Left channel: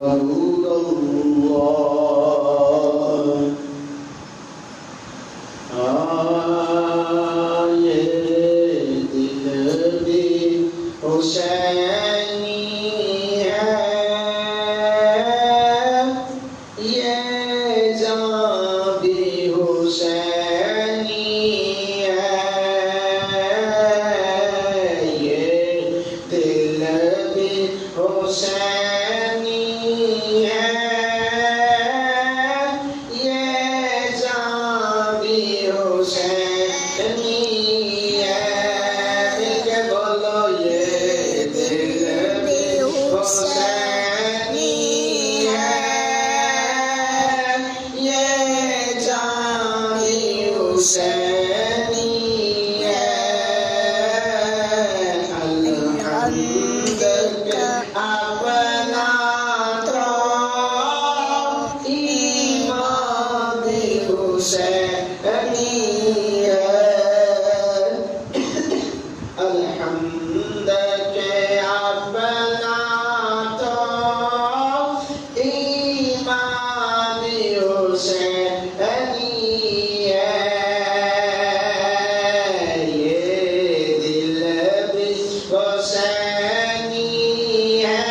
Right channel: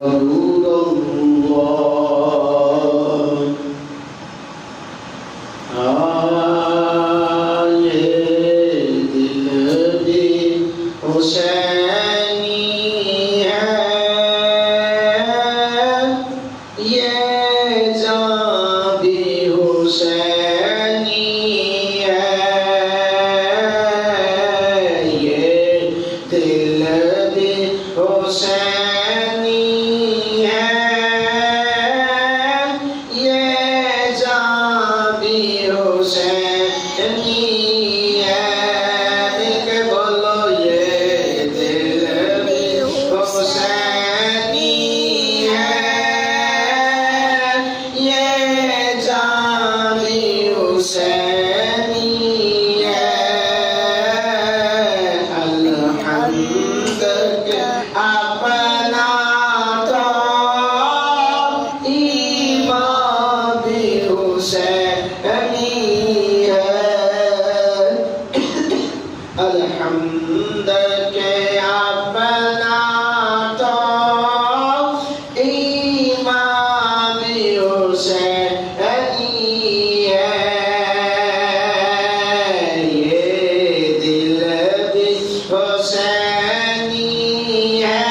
رسول اللہ آئے دل دی حسینی ہے یہ جاں بھی حسینی ہے یہ دل بھی حسینی الحمد کے اپنا تو امام حسینی ہے یہ دل بھی حسینی ہے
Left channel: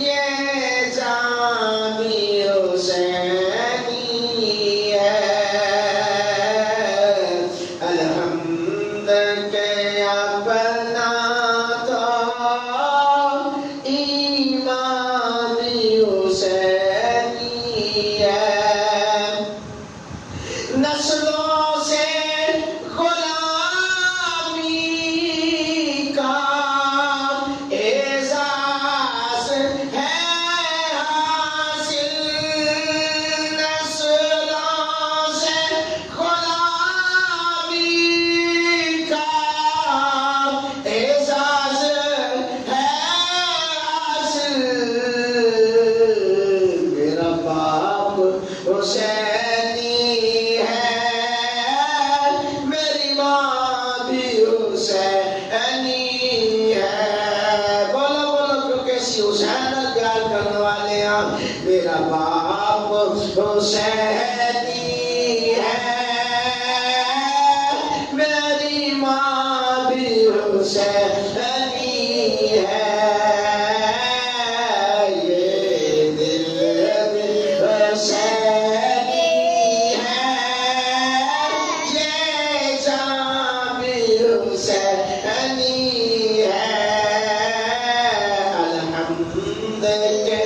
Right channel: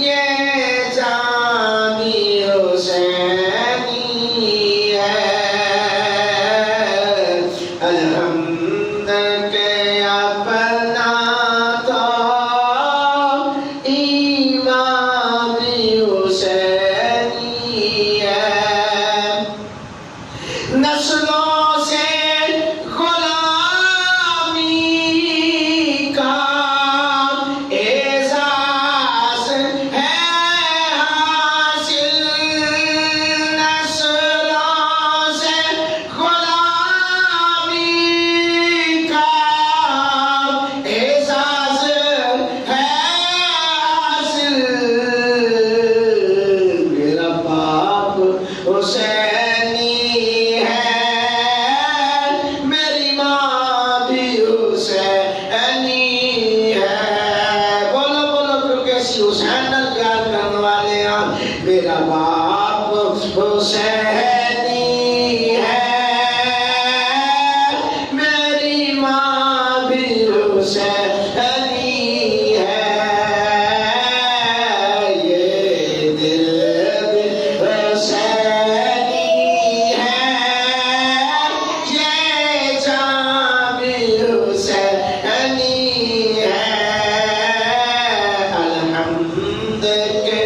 یہ جان بھی حسینی ہے الحمد کے اپنا تو امام حسینی ہے نسلوں سے غلامی کا اعزاز ہے حاصل نسلوں سے غلامی کا اعزاز ہے حاصل میرا باپ حسینی ہے میری ماں بھی حسینی ہے بولو بولو کیونکہ حسین پیار کرنے والے ہیں میرا باپ حسینی ہے میری ماں بھی حسینی ہے یہ دل بھی حسینی ہے یہ جان بھی حسینی ہے الحمد کے